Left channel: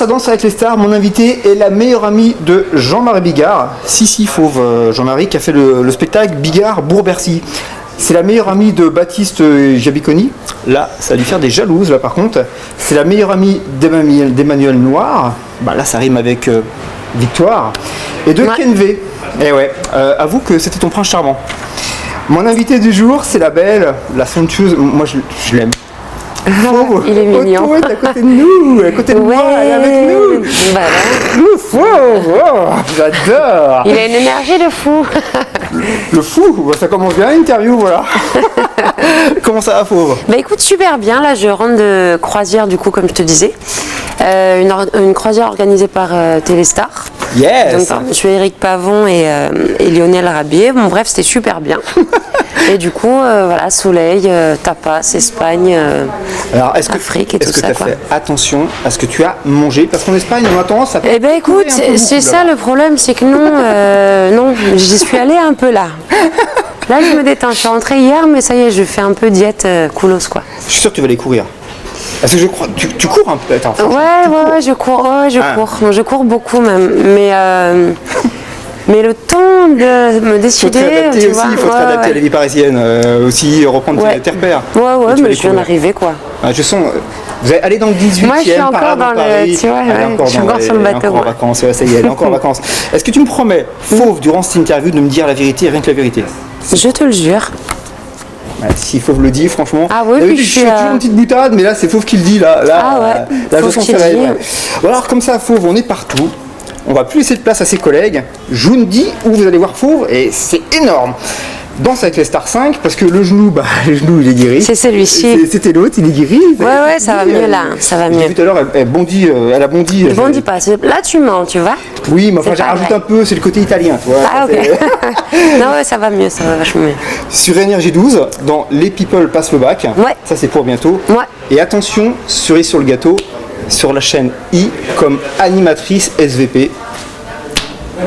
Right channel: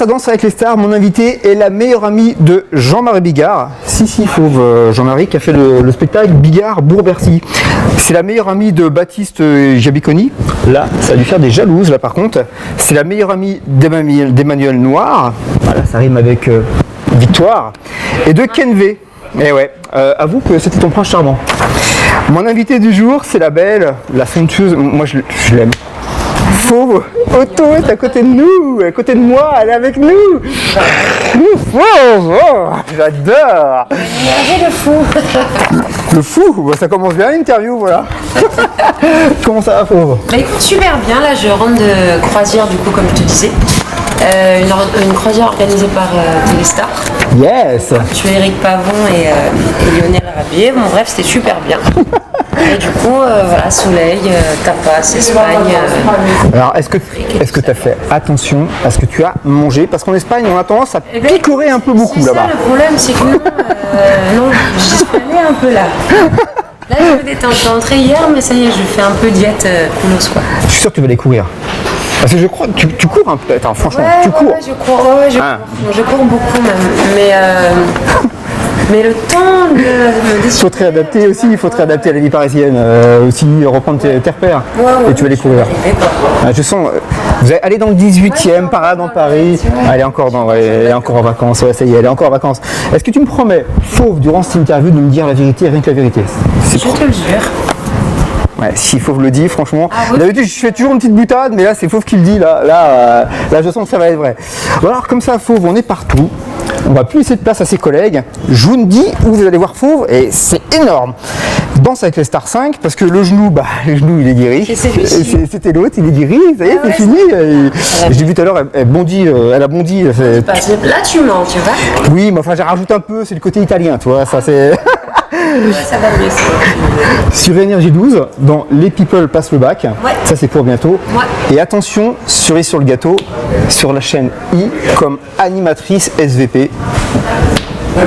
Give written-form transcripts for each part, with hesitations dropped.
Ça danse avec les stars, mon invité est la meilleure amie de Jean-Marie Bigard. Si, fauve Jean-Marie qui a fait le spectacle Bigard Bourg-Bercy. C'est la meilleure amie de Baptiste Jabiconi. Là, ça va lui faire des jalouses, là par contre. C'est la meilleure amie d'Emmanuel Noir. Bah, là, ça rime avec Victoire. Et de Ken V. Et ouais, avoue que c'était ton prince charmant. Mon invité du jour, c'est la belle, la somptueuse. Moi, je l'aime. Fauve, il est mignon. Otto est à côté de nous, à côté de moi, elle est avec nous. Fauve, j'adore. Il a une énergie de fou. Le fou, ça commence bien l'interview, voilà. Comment ça va, Fauve? Bah écoute, super bien. Là, je rentre de croisière, du coup, comme je te disais. Une croisière organisée par Téléstar. Yes. Donc, je suis Eric Pavon et Lionel Rabier. Bon, bref, c'était super bien. Et du coup, voilà, soleil, tapas, Espagne, Alors, est-ce que tu as fait attention à ce que tu as mangé? Parce qu'en Espagne, on a tendance à picorer un peu beaucoup. C'est ça le problème, c'est que non, j'y suis allée un peu là. Là, je me détends. Je suis rentrée hier, mais ça y est, je fais un peu diète coolos, quoi. Je suis sûr que tu vas aller courir. Parce que je crois que tu cours un peu. Attends, franchement, ouais, tu cours. Ouais, je cours. Non, je cours beaucoup même. Mais le temps de me décider. Il faut te réadapter aussi, il faut te réadapter à la vie parisienne. Aussi reprendre tes repères. Ouais, tu vas je suis arrivée, quoi. Je sens. Vous allez aller dans le 18e, par là dans Paris. Elle est encore en vacances. Ouais, ça y est, elle est encore en vacances. Est-ce que tu me promets, Fauve, durant cette interview, de me dire la vérité, rien que la vérité? Je te le jure. Ouais, si Fauve le dit, franchement. Ah oui, je fais toujours une petite boutade, mais là c'est Fauve qui le dit. Là, je sens que ça va être vrai. Bon, alors comme ça, Fauve, on est partout. On va plus laisser de place à ses collègues. Je vous le dis, vous allez voir Fauve, et c'est énorme. Danse avec les Stars 5, parce que le genou, le genou il est guéri. C'est celui-ci. C'était l'autre, il est guéri. Ouais, ça va mieux là. J'ai vu tout à l'heure, elle a bondi. Elle bondit pas. Là tu mens, tu vois. Oui, mais enfin j'ai rajouté un peu, c'est le côté italien, tu vois. Non, ouais, ça va mieux, ça va mieux. Sur Énergie 12, dans Les People passent le bac, ça c'est pour bientôt. Ouais. Et attention, cerise sur le gâteau, sur la chaîne I comme animatrice SVP.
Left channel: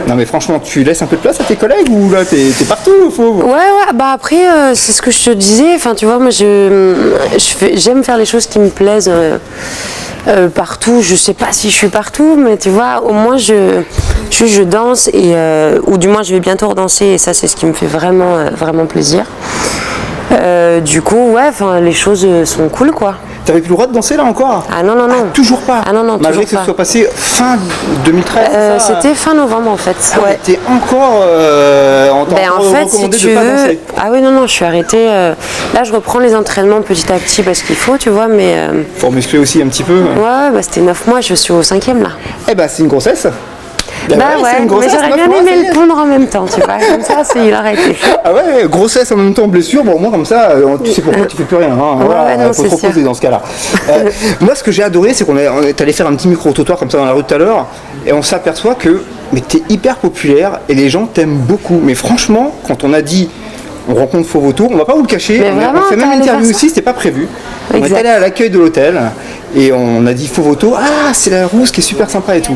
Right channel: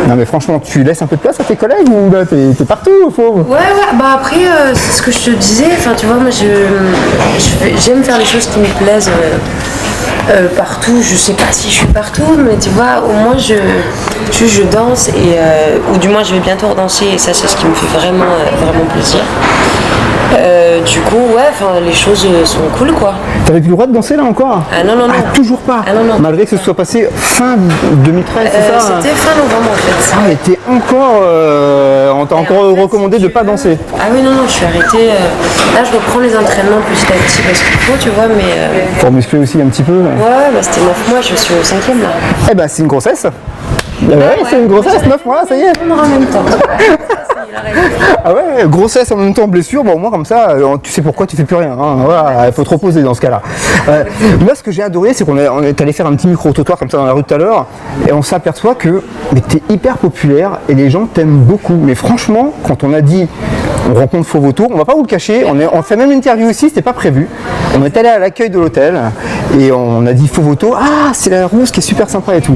Non mais franchement, tu laisses un peu de place à tes collègues ou là t'es partout, Fauve? Ouais, bah après c'est ce que je te disais, enfin tu vois, moi j'aime faire les choses qui me plaisent partout. Je sais pas si je suis partout, mais tu vois, au moins je danse ou du moins je vais bientôt redanser et ça c'est ce qui me fait vraiment plaisir. Du coup, les choses sont cool, quoi. T'avais plus le droit de danser là encore? Ah non. Toujours pas? Ah non, malgré que ce soit passé fin 2013, c'est ça? C'était fin novembre en fait. Mais t'es encore... on t'a encore recommandé de ne pas danser. Ah oui, non, je suis arrêtée. Là, je reprends les entraînements petit à petit parce qu'il faut, tu vois, mais... Pour muscler aussi un petit peu. Ouais, c'était 9 mois, je suis au 5e là. Eh ben, c'est une grossesse. C'est une grossesse, 9 mois, ça y est. Répondre en même temps, tu vois, comme ça, il arrête. Ah ouais, grossesse en même temps, blessure, bon, au moins comme ça, tu sais pourquoi tu fais plus rien. Il faut te reposer dans ce cas-là. Moi, ce que j'ai adoré, c'est qu'on est allé faire un petit micro-trottoir comme ça dans la rue tout à l'heure, et on s'aperçoit que t'es hyper populaire et les gens t'aiment beaucoup. Mais franchement, quand on a dit on rencontre Fauve Autour, on va pas vous le cacher, on fait même une interview aussi, c'était pas prévu. On est allé à l'accueil de l'hôtel et on a dit Fauve Autour, c'est la rousse qui est super sympa et tout.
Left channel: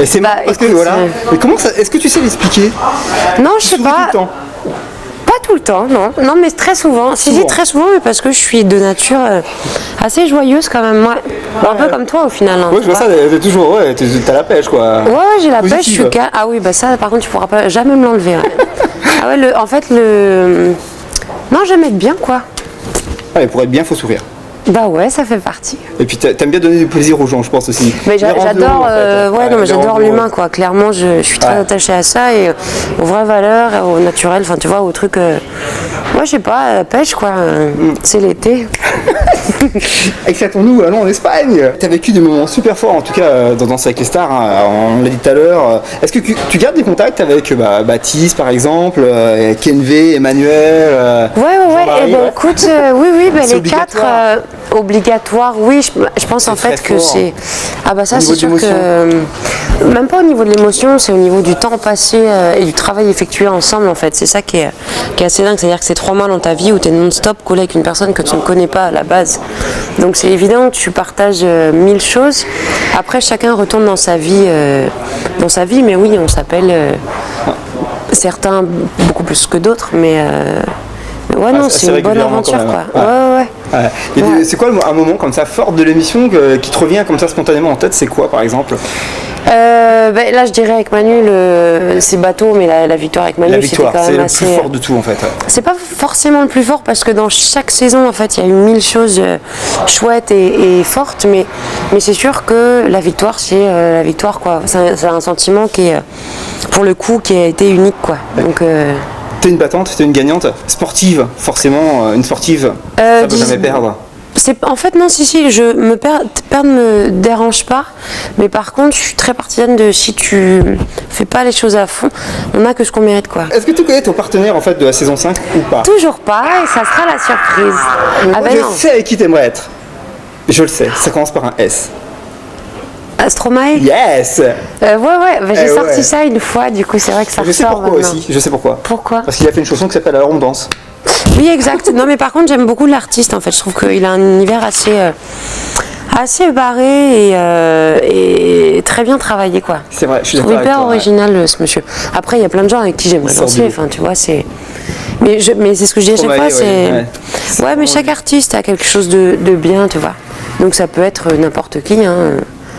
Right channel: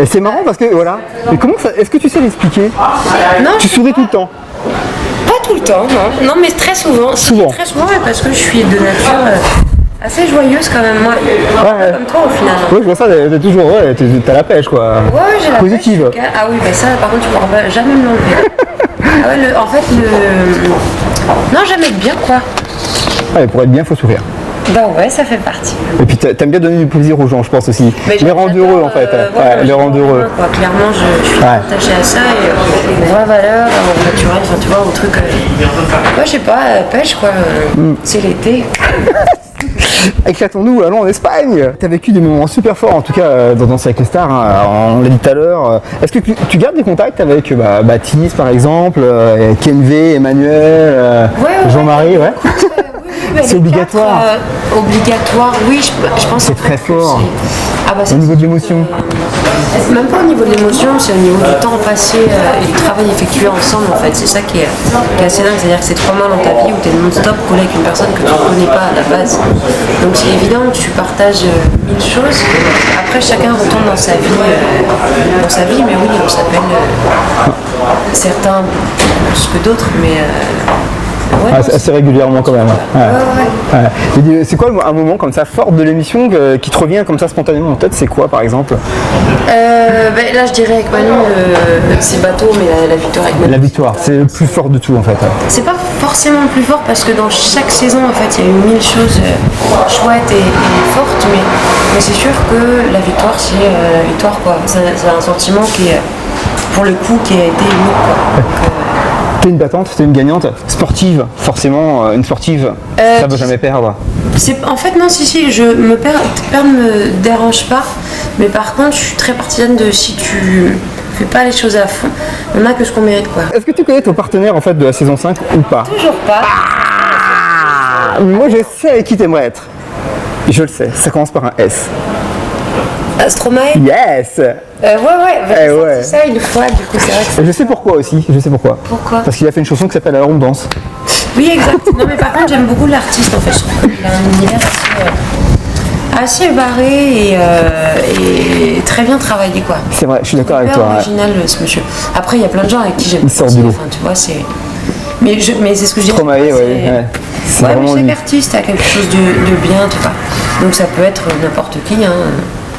Et c'est marrant parce que voilà. Mais comment ça, est-ce que tu sais m'expliquer? Non, tu souris tout le temps? Pas tout le temps, non. Non, mais très souvent. Si, très souvent, parce que je suis de nature assez joyeuse quand même, moi. Un peu comme toi au final. Oui, je vois ça, t'es toujours, t'as la pêche quoi. Ouais, j'ai la pêche, je suis calme. Ah oui, ça par contre, tu pourras jamais me l'enlever. En fait, non, j'aime être bien quoi. Ouais, pour être bien, faut sourire. Bah ouais, ça fait partie. Et puis t'aimes bien donner du plaisir aux gens, je pense aussi. Mais j'adore, j'adore l'humain quoi. Clairement, je suis très attachée à ça et aux vraies valeurs, au naturel, enfin tu vois, au truc. Moi, je sais pas, pêche quoi. C'est l'été. Éclatons-nous, allons en Espagne. T'as vécu des moments super forts, en tout cas dans Danse avec les Stars. On l'a dit tout à l'heure. Est-ce que tu gardes des contacts avec Baptiste, par exemple, Ken V, Emmanuel, Jean-Marie? Écoute, oui, c'est les quatre. Obligatoire, oui, je pense en fait que c'est. Ah bah ça c'est sûr que. Même pas au niveau de l'émotion, c'est au niveau du temps passé et du travail effectué ensemble en fait. C'est ça qui est assez dingue, c'est-à-dire que c'est 3 mois dans ta vie où tu es non-stop collé avec une personne que tu ne connais pas à la base. Donc c'est évident, tu partages 1000 choses. Après chacun retourne dans sa vie, mais oui, on s'appelle certains beaucoup plus que d'autres, mais non, assez c'est une bonne régulièrement quand aventure, même. quoi. Ouais. C'est quoi un moment comme ça fort de l'émission qui te revient comme ça spontanément en tête? C'est quoi par exemple? Là je dirais avec Manu, c'est bateau, mais la victoire avec Manu. La victoire, c'était quand c'est même le assez, plus fort de tout en fait. C'est pas forcément le plus fort parce que dans chaque saison en fait il y a eu 1000 choses chouettes et fortes, mais c'est sûr que la victoire c'est la victoire quoi. C'est un sentiment qui est pour le coup qui a été unique quoi. Donc, T'es une battante, t'es une gagnante, sportive, forcément une sportive, ça peut jamais perdre. En fait non si je me perdre me dérange pas, mais par contre je suis très partisane de si tu fais pas les choses à fond, on a que ce qu'on mérite quoi. Est-ce que tu connais ton partenaire en fait de la saison 5 ou pas? Toujours pas, et ça sera la surprise. Moi je non. sais avec qui t'aimerais être. Je le sais, ça commence par un S. Astromae. Yes. J'ai sorti ça une fois, du coup c'est vrai que ça Je sais pourquoi maintenant. aussi, je sais pourquoi. Pourquoi? Parce qu'il a fait une chanson qui s'appelle Alors on danse. Oui, exact. Non, mais par contre, j'aime beaucoup l'artiste. En fait, je trouve qu'il a un univers assez barré et très bien travaillé, quoi. C'est vrai, je suis d'accord avec hyper toi. original, ce monsieur. Après, il y a plein de gens avec qui j'aime pas sort danser. du lot. Enfin, tu vois, c'est. Mais c'est ce que je dis à chaque Stromae, fois, c'est. ouais. C'est Ouais, mais vraiment chaque lui. artiste a quelque chose de bien, tu vois. Donc ça peut être n'importe qui. Hein.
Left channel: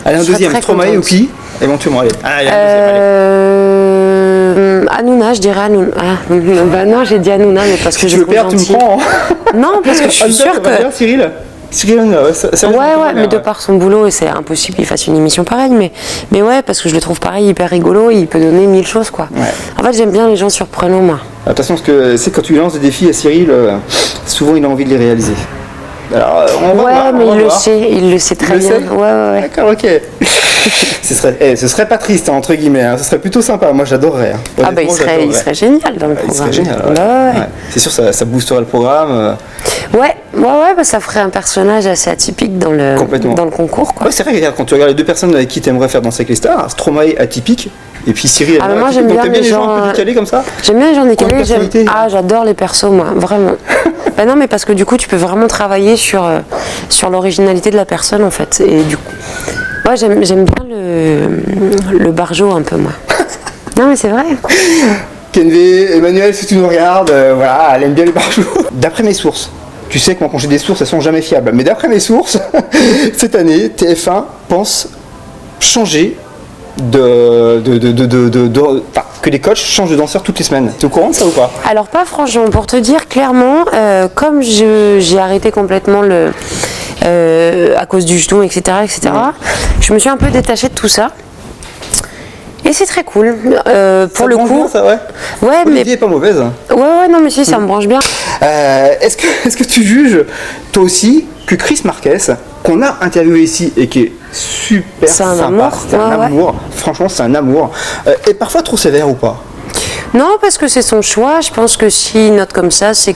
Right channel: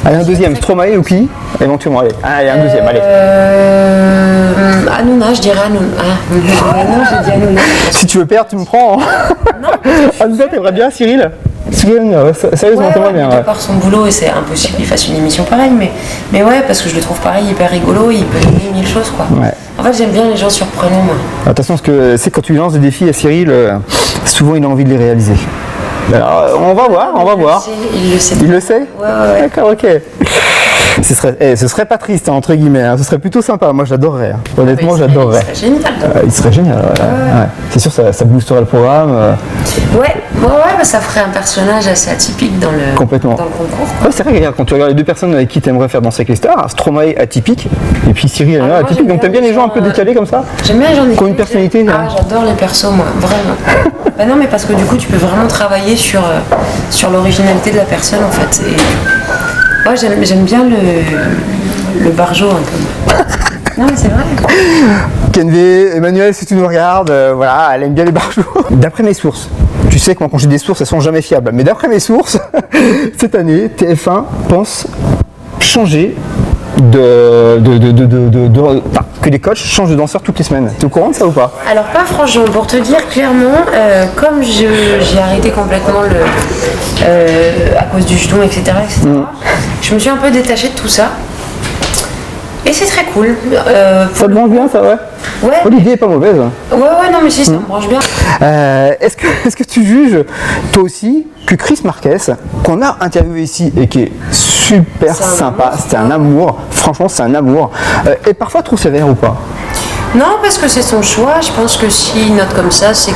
Allez, un Je serais deuxième, très Stromae contente. ou qui? Éventuellement, allez. Ah, il y a un deuxième, allez. Hanouna, je dirais Hanouna. Bah non, j'ai dit Hanouna. Mais parce Si que tu veux je perdre, tu me trouve prends. Non, parce que je suis Hanouna, sûre t'aimerais que. bien, Cyril? Cyril Hanouna, sérieusement, Ouais, t'aimerais mais bien, de ouais. par son boulot, et c'est impossible qu'il fasse une émission pareille, mais ouais, parce que je le trouve pareil, hyper rigolo, il peut donner 1000 choses, quoi. Ouais. En fait, j'aime bien les gens surprenants, moi. De toute façon, ce que c'est quand tu lances des défis à Cyril, souvent il a envie de les réaliser. Alors, on va voir, mais on va il voir. Il le sait Il très le bien. sait. Ouais. D'accord, ok. Ce serait pas triste, hein, entre guillemets, hein. Ce serait plutôt sympa. Moi, j'adorerais. Hein. Ah bah, Honnêtement, il j'adorerais. serait génial. Dans le Il serait programme. génial. Ouais. C'est sûr, ça boosterait le programme. Ouais, bah, ça ferait un personnage assez atypique dans le Complètement. dans le concours, quoi. Ouais, c'est vrai, regarde, quand tu regardes les deux personnes avec qui tu aimerais faire danser avec les stars, Stromae atypique, et puis Cyril Ah, Hanouna moi, atypique. j'aime Donc t'aimes bien bien les les gens un peu gens, décalés comme ça? J'aime bien les gens Comme décalés. une personnalité, hein. Ah, j'adore les persos, moi, vraiment. Bah non, mais parce que du coup, tu peux vraiment travailler sur l'originalité de la personne, en fait. Et du coup, moi, j'aime bien le barjo un peu, moi. Non, mais c'est vrai. Kenvé, Emmanuel, si tu nous regardes, voilà, elle aime bien les barjots. D'après mes sources, tu sais que moi quand j'ai des sources, elles sont jamais fiables, mais d'après mes sources, cette année, TF1 pense changer que les coachs changent de danseurs toutes les semaines. T'es au courant de ça ou pas? Alors pas franchement, pour te dire clairement, comme j'ai arrêté complètement à cause du genou, etc., je me suis un peu détachée de tout ça. Et c'est très cool. Pour Ça le te branche coup, bien, ça, ouais? ouais, mais L'idée est pas mauvaise. ouais, non, mais si, ça me branche bien. Est-ce que tu juges, toi aussi, que Chris Marquez, qu'on a interviewé ici et qui est super C'est un sympa, amour. c'est un Ouais, ouais. amour, franchement c'est un amour, est parfois trop sévère ou pas? Non, parce que c'est son choix. Je pense que s'il note comme ça, c'est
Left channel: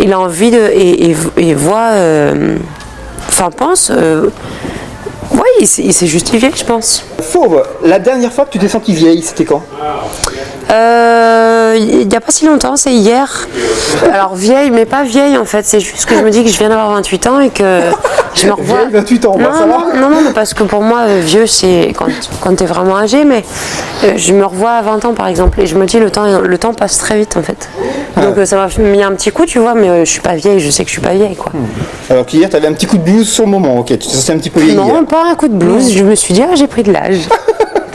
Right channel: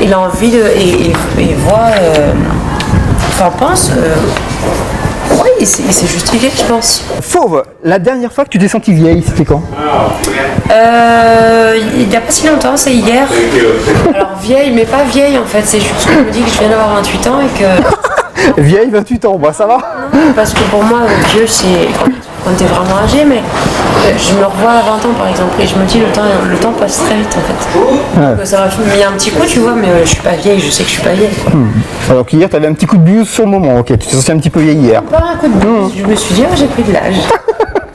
qu'il a envie et voit. Enfin, pense. Oui, il s'est justifié, je pense. Fauve, la dernière fois que tu t'es sentie vieille, c'était quand? Il n'y a pas si longtemps, c'est hier. Alors vieille, mais pas vieille en fait. C'est juste que je me dis que je viens d'avoir 28 ans et que je me revois- Vieille, 28 ans, bah, ça va? Non, parce que pour moi, vieux, c'est quand tu es vraiment âgé, mais je me revois à 20 ans par exemple, et je me dis le temps passe très vite en fait. Donc ça m'a mis un petit coup, tu vois, mais je suis pas vieille, je sais que je suis pas vieille. Quoi. Alors qu'hier, t'avais un petit coup de blues sur le moment, ok, tu t'es senti un petit peu vieille hier. Non, pas un coup de blues, je me suis dit, j'ai pris de l'âge.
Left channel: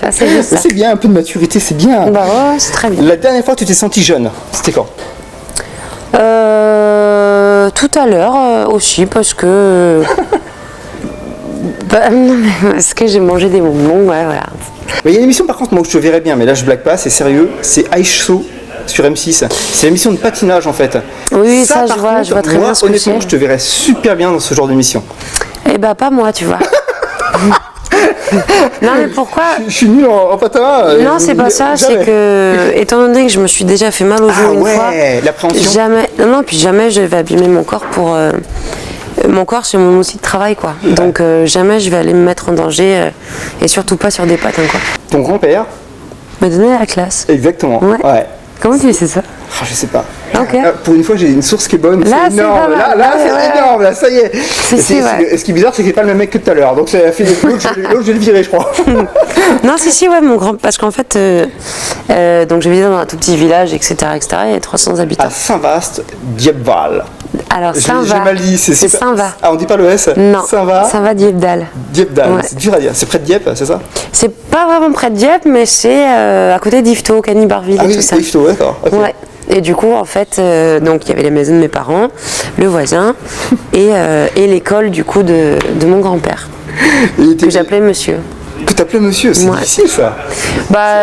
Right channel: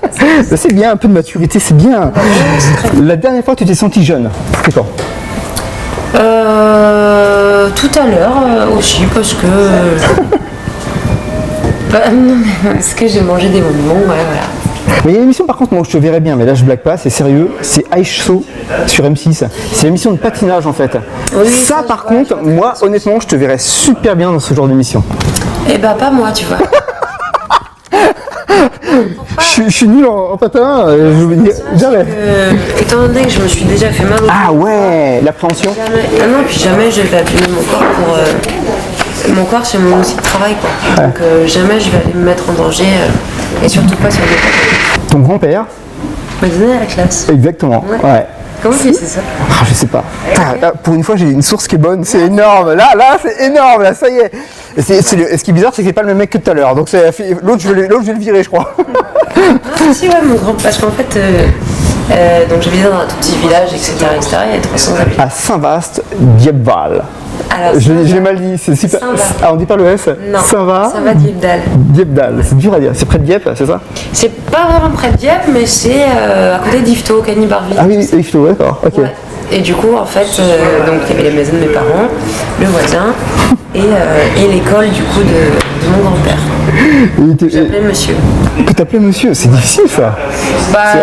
Ça, c'est juste Bah, ça. c'est bien, un peu de maturité, c'est bien. Bah ouais, c'est très bien. La dernière fois que tu t'es sentie jeune, c'était quand? Tout à l'heure aussi, parce que. Bah, non, mais parce que j'ai mangé des bonbons, ouais, voilà. Mais il y a une émission par contre, moi où je te verrais bien, mais là je blague pas, c'est sérieux, c'est Ice Show sur M6. C'est l'émission de patinage en fait. Oui, ça, par je vois contre, très moi bien ce que honnêtement, c'est. je te verrais super bien dans ce genre d'émission. Eh bah, pas moi, tu vois. Non, mais pourquoi Je suis nul en patin. Non, je c'est vous pas dis ça, jamais. c'est que, étant donné que je me suis déjà fait mal au Ah genou une fois, ouais, l'appréhension. jamais, puis jamais je vais abîmer mon corps pour. Mon corps, c'est mon outil de travail, quoi. Donc, jamais je vais aller me mettre en danger, et surtout pas sur des patins, quoi. Ton grand-père, M'a donné la classe. exactement. Ouais. Ouais. Comment tu sais ça? Ah, je sais pas. Ok. Là, pour une fois, j'ai une source qui est bonne, c'est Là, c'est énorme. pas Là, mal. c'est Ouais. énorme, là, ça y est. Ce qui est bizarre, c'est que c'est pas le même mec que tout à l'heure. Donc, l'autre, je vais le virer, je crois. Non, si, ouais, mon grand. Parce qu'en fait, donc j'habitais dans un tout petit village, etc. Il y a 300 habitants. À Saint-Vaast, Diepval. Alors, J'ai mal dit, c'est super. Saint-Va. Ah, on dit pas le S? Non, ça va Diepdal. Diepdal, Ouais. c'est dur à dire. C'est près de Dieppe, c'est ça? C'est pas vraiment près de Dieppe, mais c'est à côté d'Yvetot, Cagny-Barville Ah et oui, tout ça. c'est Yvetot, d'accord. Ok. Ouais. Et du coup, en fait, donc il y avait la maison de mes parents, le voisin et l'école du coup de mon grand-père, que j'appelais monsieur. Que t'appelais monsieur, c'est difficile ça. Bah,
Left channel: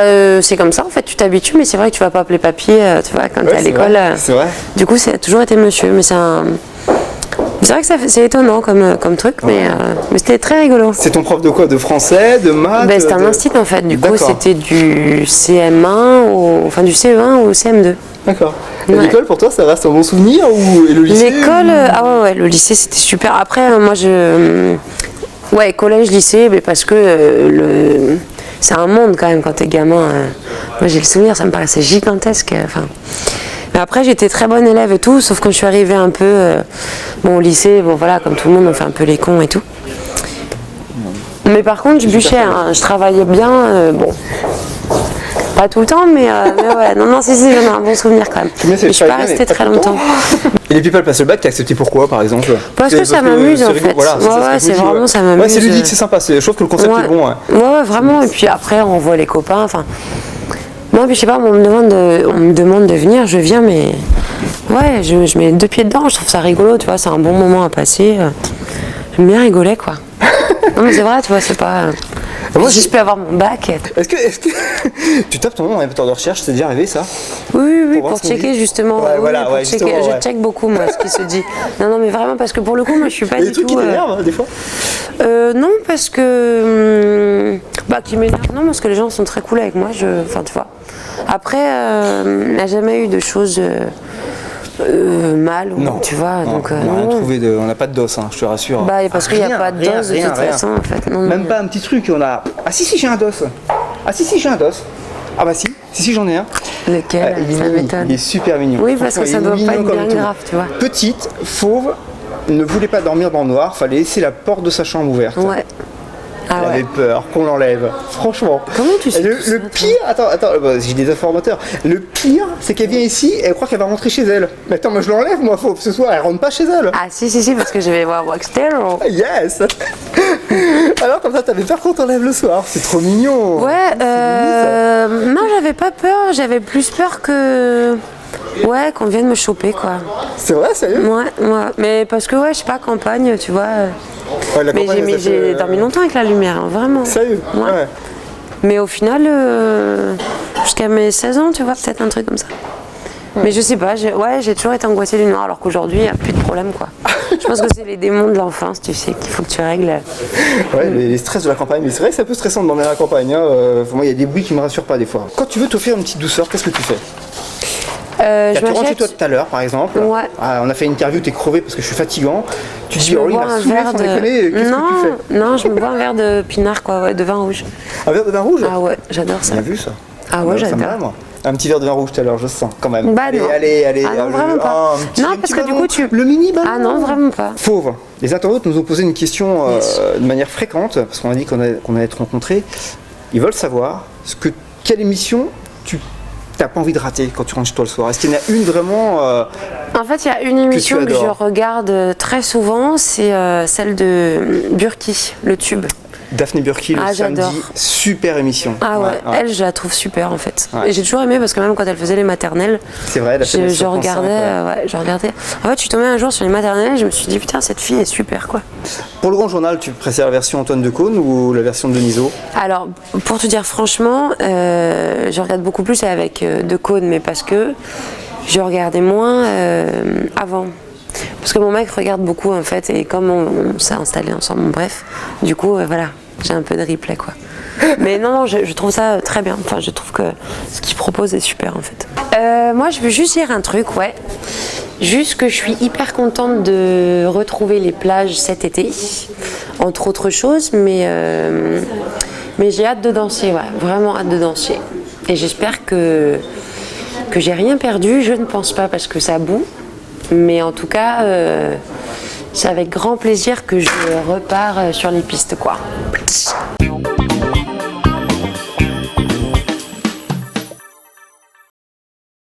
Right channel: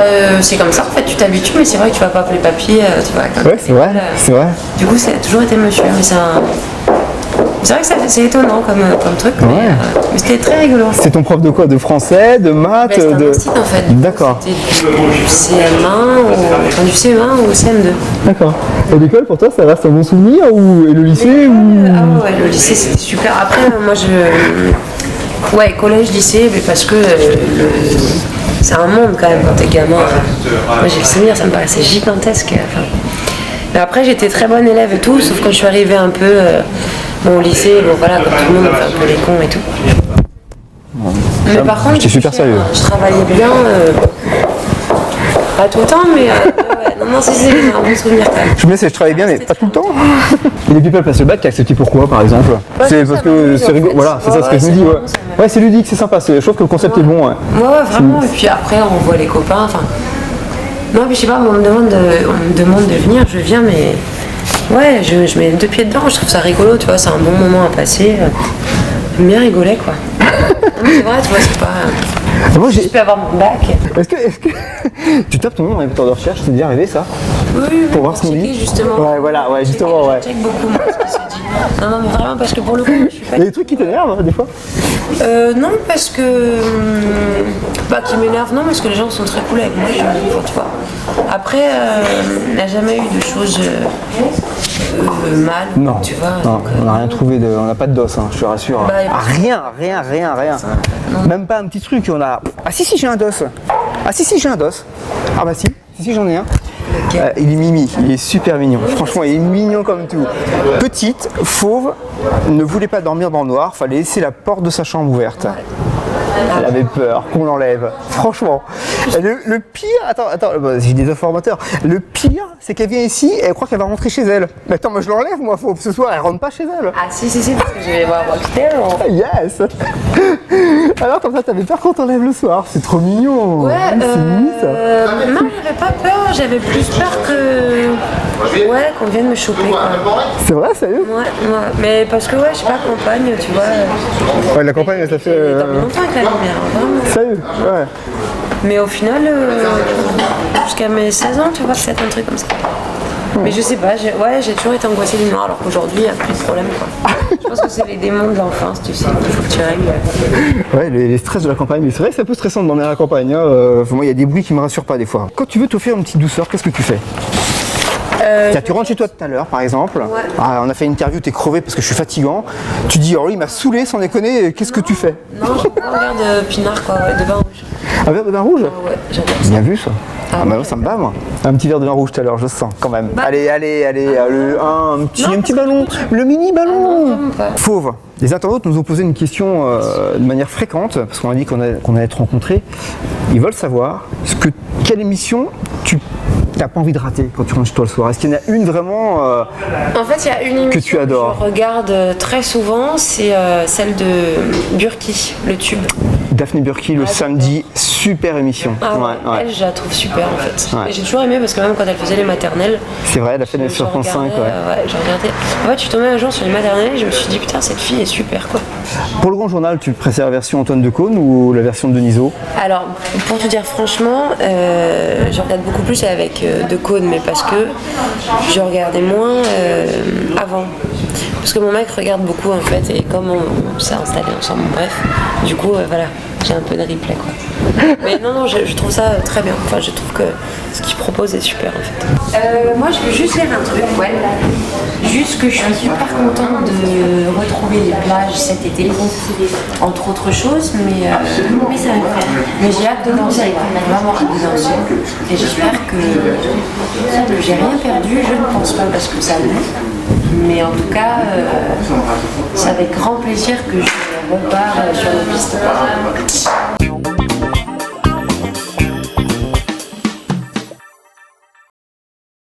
c'est comme ça, en fait, tu t'habitues, mais c'est vrai que tu vas pas appeler papier, tu vois, quand Ouais, t'es à c'est l'école. vrai, c'est vrai. Du coup, ça a toujours été monsieur, mais c'est vrai que c'est étonnant comme truc, mais c'était très rigolo. C'est ton prof de quoi? De français, de maths? Ben, c'était un institut en fait, du coup D'accord. c'était du CM1 au CM2. D'accord. Et Ouais. l'école pour toi, ça reste un bon souvenir ou et le lycée? L'école, ah ouais, le lycée c'était super. Après, moi ouais, collège, lycée, mais parce que c'est un monde quand même quand t'es gamin. Moi j'ai le souvenir, ça me paraissait gigantesque. Mais après j'étais très bonne élève et tout, sauf que je suis arrivée un peu au lycée, bon voilà, comme tout le monde, on fait un peu les cons et tout. Mais par contre, je suis je super sérieux. je travaillais bien, bon, pas tout le temps, mais ouais, non, si, j'en ai un bon souvenir quand même. Je me dis, Et je travaille bien, mais restée pas très tout le temps. longtemps. Et les people passent le bac, t'es accepté pourquoi par exemple? Parce que ça m'amuse, c'est en rigolo. fait. Voilà, c'est ça ce Ouais, que je c'est me dis. vraiment, ça m'amuse. Ouais, c'est ludique, c'est sympa. Je trouve que le concept est bon. Ouais. Ouais, vraiment. Et puis après, on voit les copains. Enfin, moi, puis je sais pas, on me demande de venir, je viens, mais ouais, je mets les deux pieds dedans. Je trouve ça rigolo, tu vois, c'est un bon moment à passer. J'aime bien rigoler, quoi. Non, mais c'est vrai, tu vois, c'est pas. Moi, Si je peux avoir mon bac. Est-ce que tu tapes ton nom dans les moteurs de recherche, c'est déjà arrivé ça? Oui, voir pour ce qu'on checker dit. justement. Ouais, voilà, pour ouais, checker. justement, ouais. Je check beaucoup, moi, ce qui se dit. Non, mais vraiment, parce que pour le coup, moi, je suis pas Il y a du des trucs tout. qui t'énervent des fois? Non, parce que. Qui m'énerve, non, parce que les gens sont très cool avec moi. Enfin, tu vois. Après, il n'y a jamais eu de choses mal, Non, tu vois. non, donc, on n'a rien non. trouvé on n'a pas de dos, hein, je te rassure. Bah, parce qu'il n'y Rien, a pas de rien, dose de rien, toute rien. façon, en fait. Non, Même pas un petit truc, on a. Ah si j'ai un dos. Ah si j'ai un dos. Ah bah si j'en ai un. Lequel Il est Ça mimi, m'étonne. il est super mignon. Oui, parce Franchement, que il ça est doit pas mignon être comme bien tout. grave, tu vois. Petite, fauve, ne voulait pas dormir dans le noir, fallait laisser la porte de sa chambre ouverte. Ouais. Ah Elle ouais. avait peur qu'on l'enlève, franchement. Et le pire, attends, bah, j'ai des informateurs. Le pire, c'est qu'elle vient ici et elle croit qu'elle va rentrer chez elle. Mais attends, moi je l'enlève, moi, faut que ce soir, elle rentre pas chez elle. Ah, si, parce que je vais voir Watch Terror. Ah, yes. Alors comme ça, t'avais peur qu'on t'enlève le soir. C'est trop mignon. Ouais, C'est mignon, ça. non, j'avais pas peur, j'avais plus peur que. Ouais, qu'on vienne me choper, quoi. C'est vrai, sérieux? Ouais, mais parce que, ouais, je sais pas, campagne, tu vois. Ouais, la Mais campagne, ça j'ai fait. dormi longtemps avec la lumière, hein, vraiment. Sérieux? Ouais. Mais au final, jusqu'à mes 16 ans, tu vois, peut-être un truc comme ça. Mais je sais pas, j'ai toujours été angoissée du noir, alors qu'aujourd'hui, il n'y a plus de problème, quoi. Je pense que c'est les démons de l'enfance, tu sais, qu'il faut que tu règles. Ouais, les stress de la campagne. Mais c'est vrai que c'est un peu stressant de dormir à la campagne. Hein. Moi, il y a des bruits qui me rassurent pas des fois. Quand tu veux t'offrir une petite douceur, qu'est-ce que tu fais? Je Tu rentres chez m'achète- toi tout à l'heure, par exemple. Ouais. Ah, on a fait une interview, t'es crevé parce que je suis fatigant. Tu dis, Je oh, me il bois m'a un saoulé verre sans de- déconner. Qu'est-ce que tu fais? Non, je me bois un verre de pinard, quoi, ouais, de vin rouge. Un verre de vin rouge? Ah ouais, j'adore ça. Bien vu ça. Ah, bah, moi, ça me j'adore. va, moi. Un petit verre de vin rouge tout à l'heure, je sens quand même. Bah, allez, non. allez, Ah, non, vraiment pas. un petit, Non, un parce petit que du ballon. coup, tu- Le mini ballon. Ah non, vraiment pas. Fauve. Les internautes nous ont posé une question de manière fréquente, parce qu'on a dit qu'on allait te rencontrer. Ils veulent savoir quelle émission tu n'as pas envie de rater quand tu rentres chez toi le soir. Est-ce qu'il y en a une vraiment En fait, il y a une émission que, adores. je regarde très souvent, c'est celle de Burki, le tube. Daphné Burki le Ah, samedi, j'adore. super émission. Ah ouais, elle, je la trouve super en fait. Ouais. Et j'ai toujours aimé parce que même quand elle faisait les maternelles, C'est vrai, elle a fait je, la je sur France regardais, 5, ouais. je regardais. En fait, je suis tombée un jour sur les maternelles et je me suis dit putain, cette fille est super quoi. Pour le grand journal, tu préfères la version Antoine Decaune ou la version de Denisot? Alors, pour te dire franchement, je regarde beaucoup plus avec Decaune, mais parce que je regardais moins avant. Parce que mon mec regarde beaucoup en fait, et comme on s'est installé ensemble, bref, du coup, voilà. j'ai un peu de replay quoi. Mais non, je trouve ça très bien. Enfin, je trouve que ce qu'il propose est super en fait. Moi, je veux juste dire un truc, ouais. Juste que je suis hyper contente de retrouver les plages cet été, entre autres choses, mais j'ai hâte de danser, ouais, vraiment hâte de danser. Et j'espère que j'ai rien perdu, je ne pense pas parce que ça boue. Mais en tout cas, c'est avec grand plaisir que je repars sur nos pistes.